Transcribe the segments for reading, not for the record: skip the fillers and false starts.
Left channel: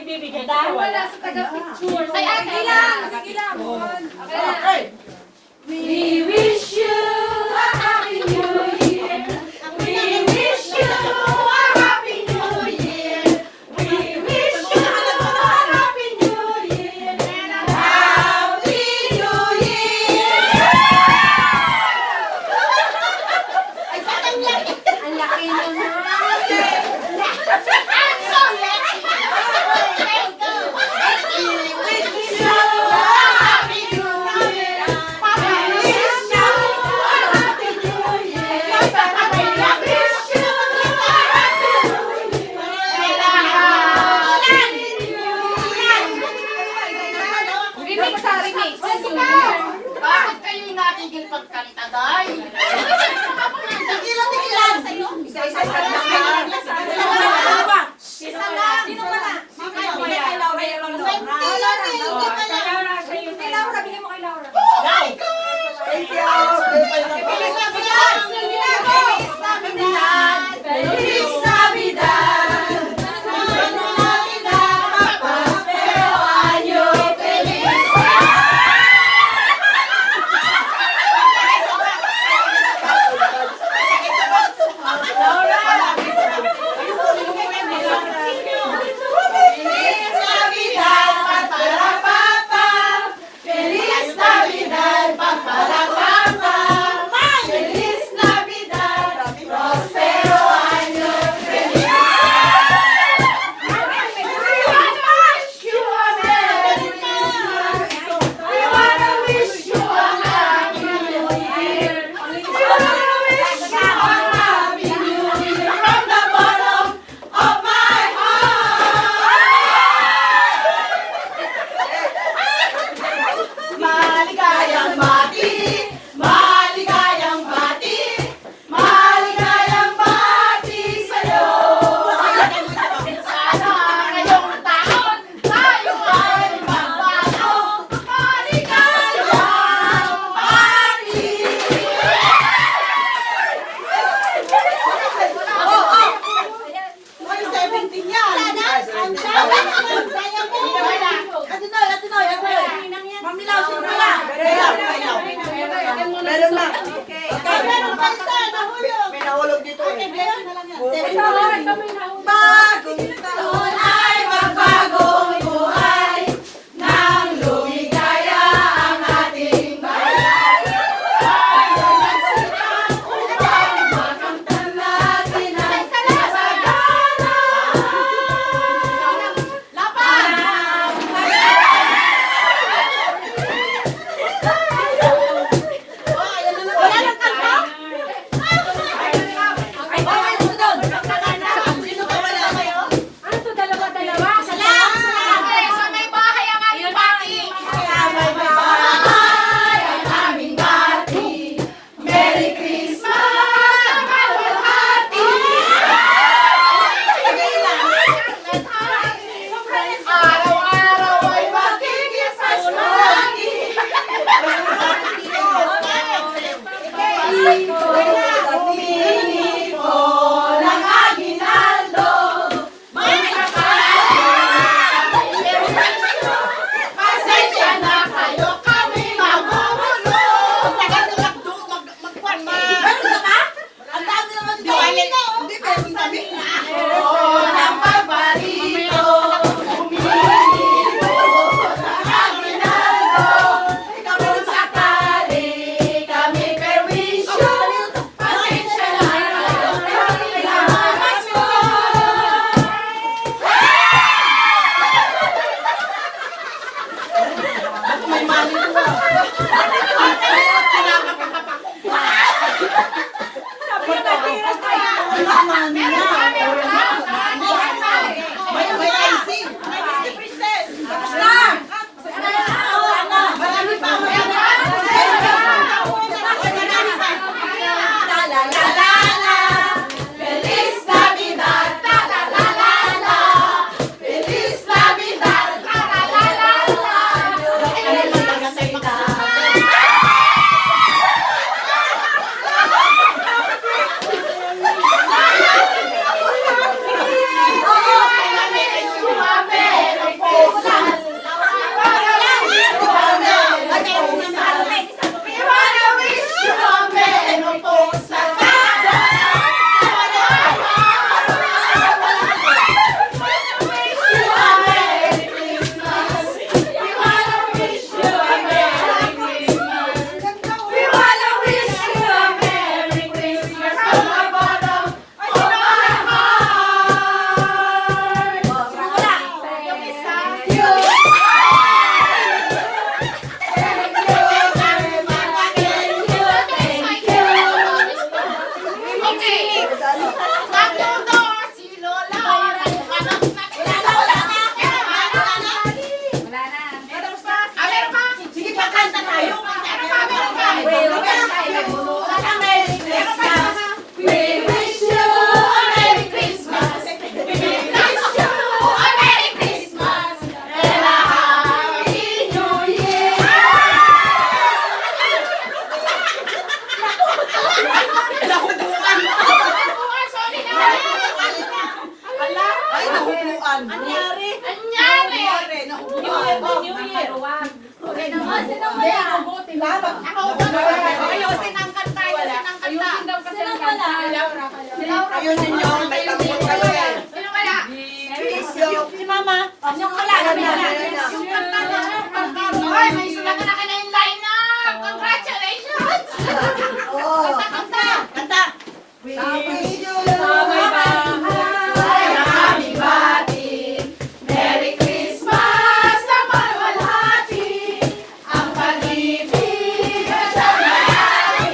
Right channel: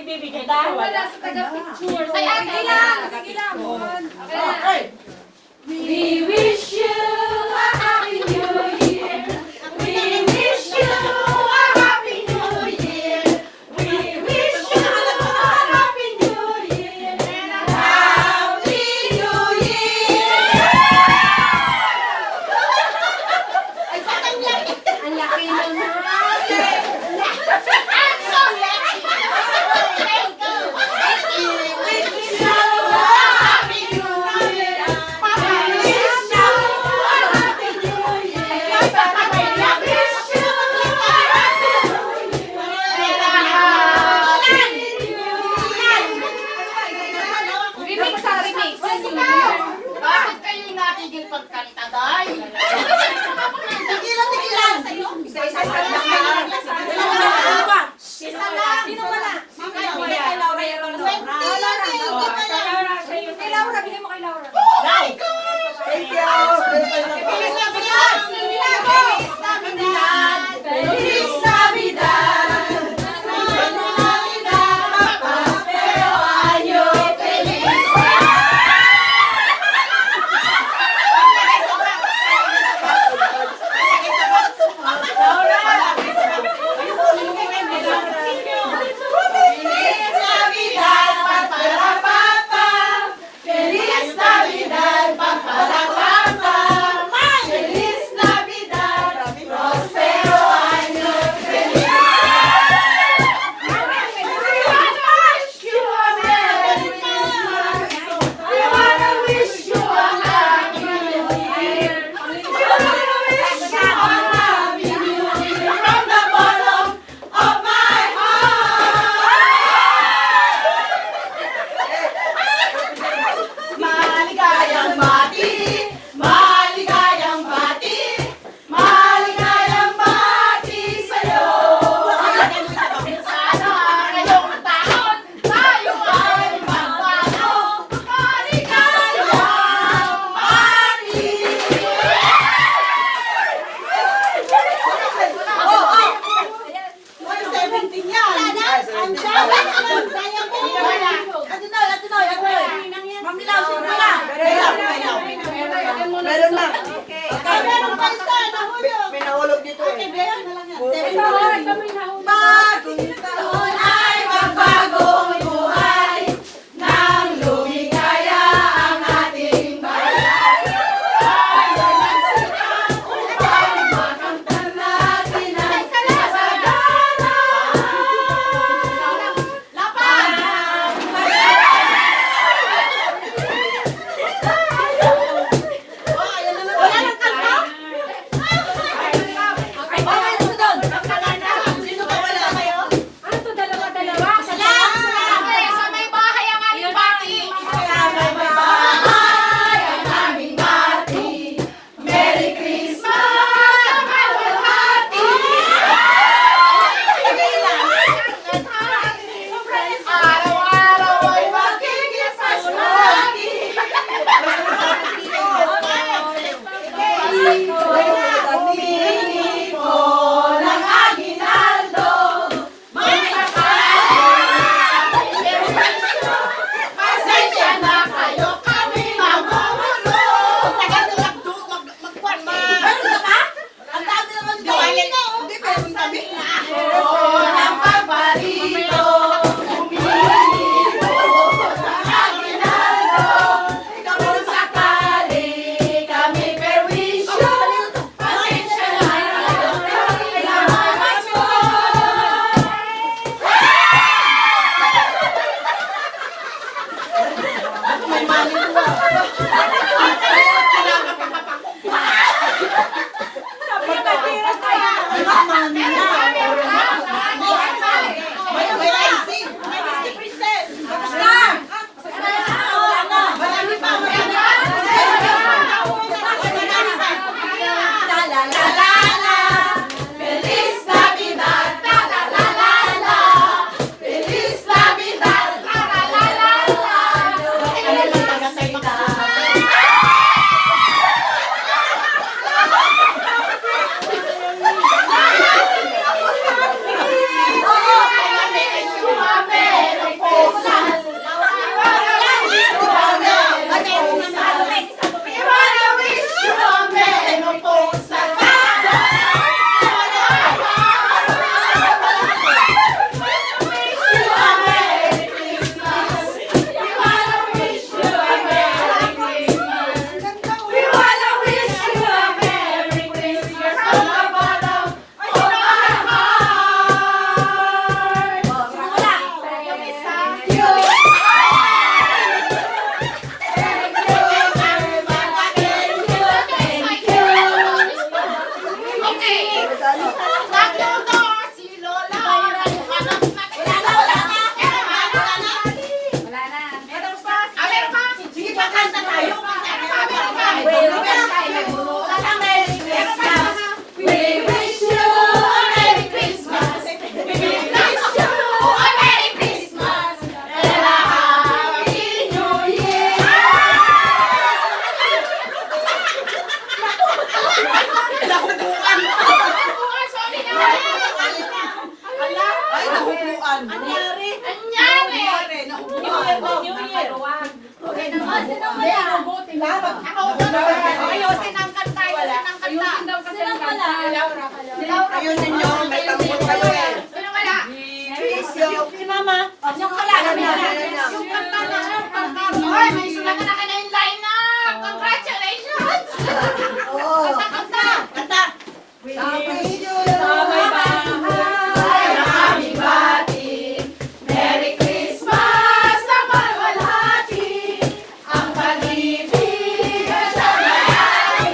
Ibibigay na wala. Ay, ate lang. Sige lang. We wish you a happy new year. We wish you a happy new year. We wish you a happy new year. Happy New Year! Ang laki naman. I'm so lucky. Let's go. We wish you a happy new year. Bakit kayo natigil pagkanta, guys? Tigilan sa'yo. Isa-isa lang. Isa lang. Sino wala? Kay Laura yung Laura. Kay Laura, bigyan mo kay Laura. Thank you. Feliz Navidad! Feliz Navidad! Feliz Navidad! Feliz Navidad! Prospero año feliz! Feliz Navidad, papá, Feliz Navidad, prospero año feliz. We wanna wish you a happy new year. We wanna wish you a happy new year from the bottom of my Maligayang bati, maligayang bati, maligayang bati sa'yo. Sana ngayong taon, tayo ay magbago. Maligayang bati. Meron lang. Okay. May nahulog dito eh. Bagong taon ay magbagong buhay nang lumigaya ang ating bayan. Tayo nagsikap upang makamtan natin ang kasagana. Merry Christmas! Maluhati! Araw-araw ay makikipagmahati. Humingi ko ng aginaldo. Pasensya na kayo, kami mamumulo. Ng pagbalito, humingi ko ng aginaldo. Kung sakali kami perwisyo, pasensya na kayo, kami mamumulo. May mali ko. Feliz Navidad, la la la la la. Feliz Navidad, la la la la la. Naubuan. Anyari. Naubuan. New Year. Okay naman. Ayusin ang kanta, ayusin ang kanta. Ayusin daw kasi ang kanta. Ayusin nyo, may tanggol kayo eh. Ano wala? Si Mama. Yung wala. Yung kanta na. Ay, may sulat na kayo yung line na. Congratulations! Oo. Kanta! Kanta. Happy Merry Christmas na pagwalhati. Ang pag-ibig at ang layani.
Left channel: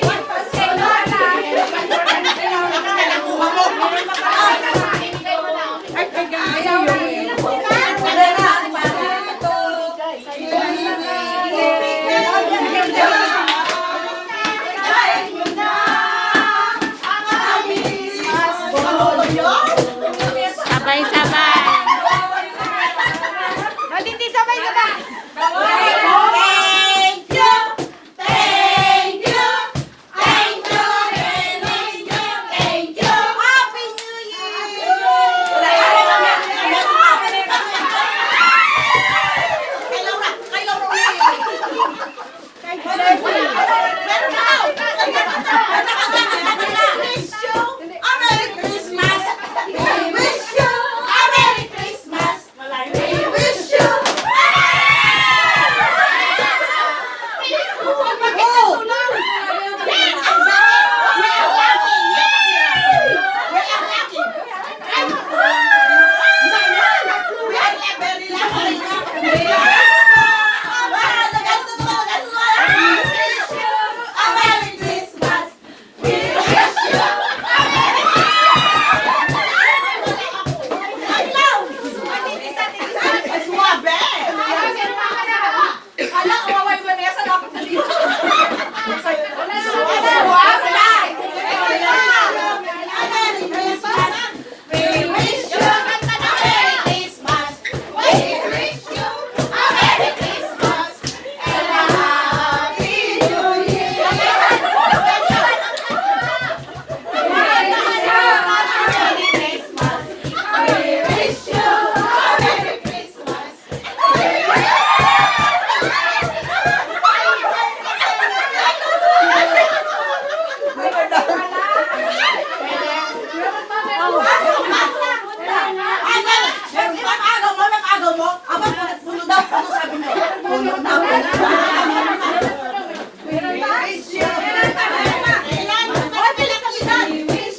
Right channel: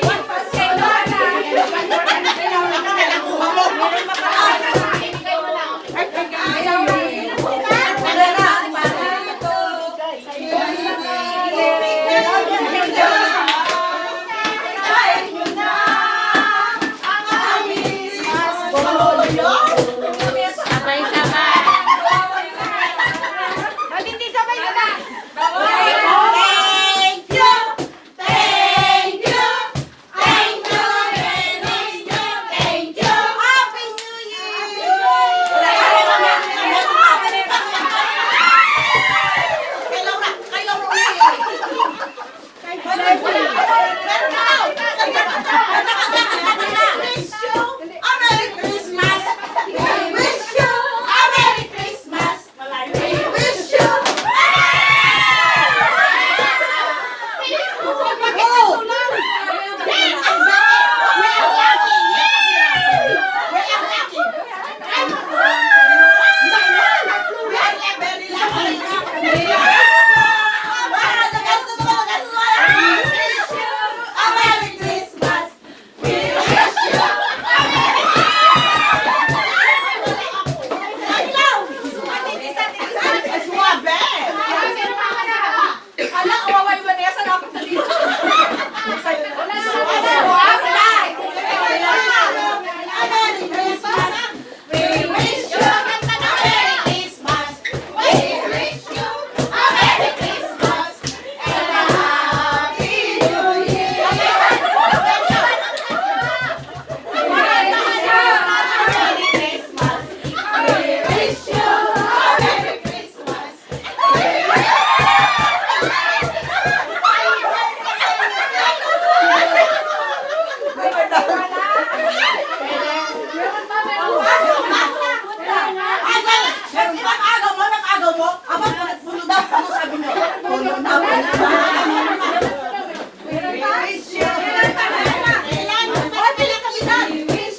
Walang pasilagi. Thank you, thank you, thank you, thank you. Happy New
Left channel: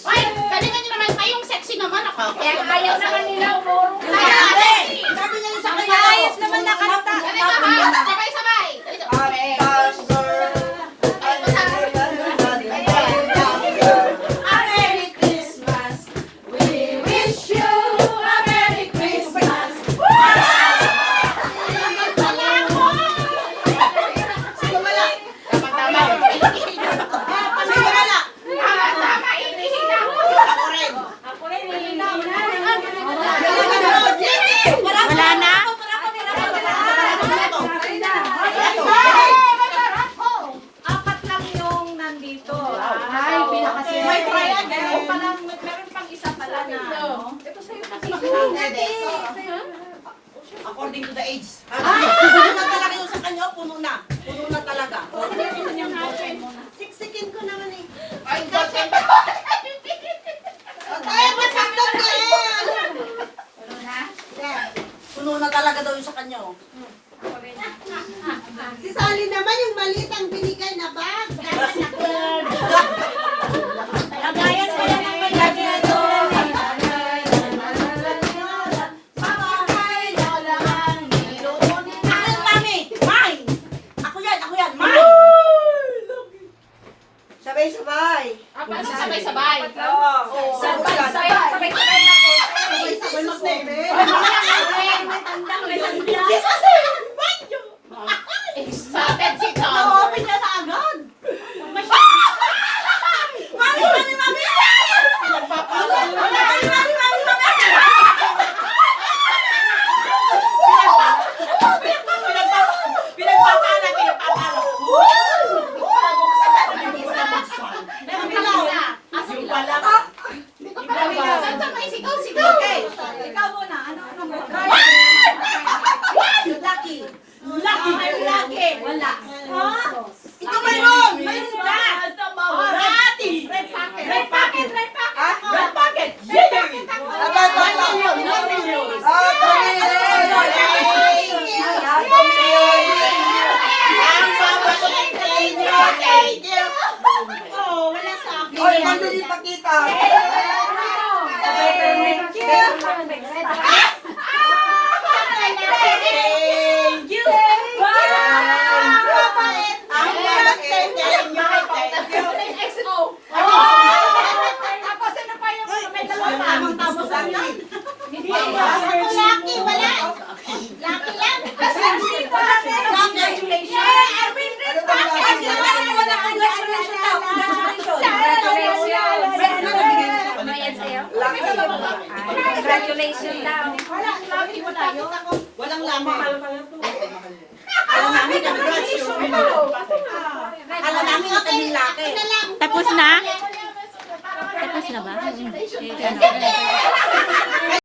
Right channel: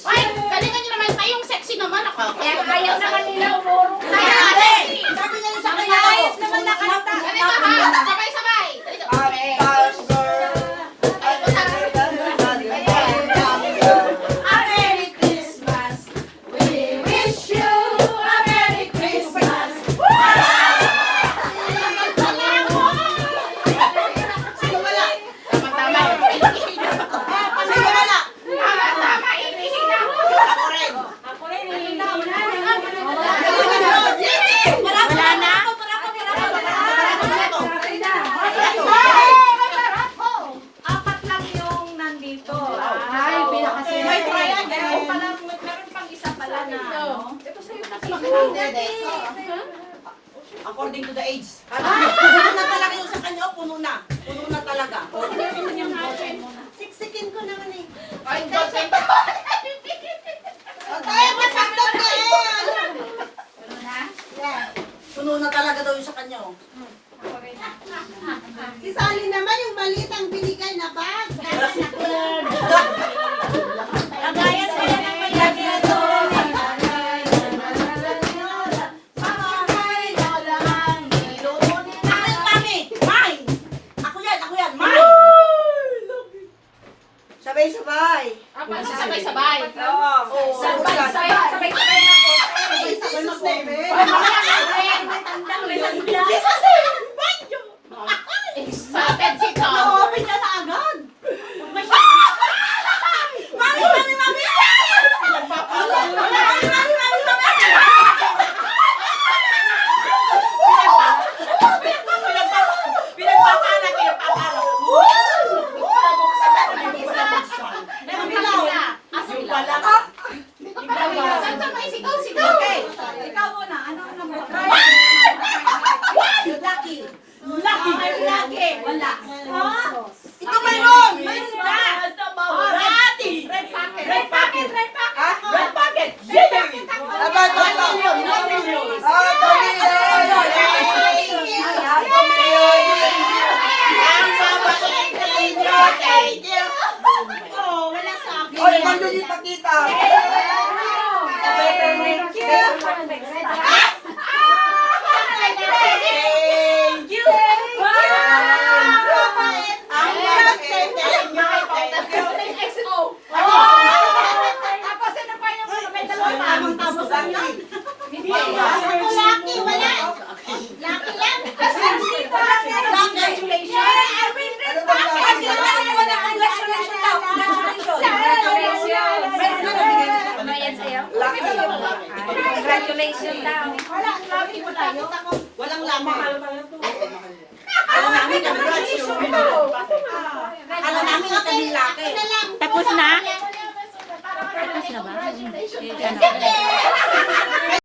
Ay, galingan nyo naman kayong sexy naman ako. Ayaw na kanila umuro. Tayo nga, sexy! Sabi niya yung sa kanya. Ayos naman na kanta. Ganito ha, sabay-sabay. A Merry Christmas. We wish you a Merry Christmas. Tama, inisip na. Ako rin, nilinaw na. Wala na. Apat lang yung nandito. Ay, pinakasira. Oo, palang meron pang isa pala na. Ito sa'yo kasi. According to the age. Puno na talaga yung sa kanya. Puno na. Puno na talaga. Siksikin ko naman eh. Ay, bakit? Ay, masakit na yan! Puno na talaga daw yung sa kanya oh. Si Sally naman yung maliit ang binigay na bag. Lagayan mo lang ang malaki na to. Akin, mami! May! Ako yan, may! Sabay-sabay. Sabay-sabay. Oo. Sabay-sabay na po. Jesus name. Excited si Tom. Na-open niya na agad. Mami! Pinagpapala kayo, papalo. Yung pala ka. Kanta mo, sigaw. Okay. Ikaw muna. Ano mo? Lucky. Lucky. Wala. Ito mayroon. Mayroon ka. Lucky. Red packet. Red packet. Red packet. Oh, wala sa akin. Oy, ano di pakita? Thank you. Tapos ano pa yung may Tamang tapos ang yan. Lucky, wala. Lucky lang. Congratulations daw. Walang lamang. Alam namin ang graduation. Alam namin ang kaming laki. Tapos na? Tapos na ba?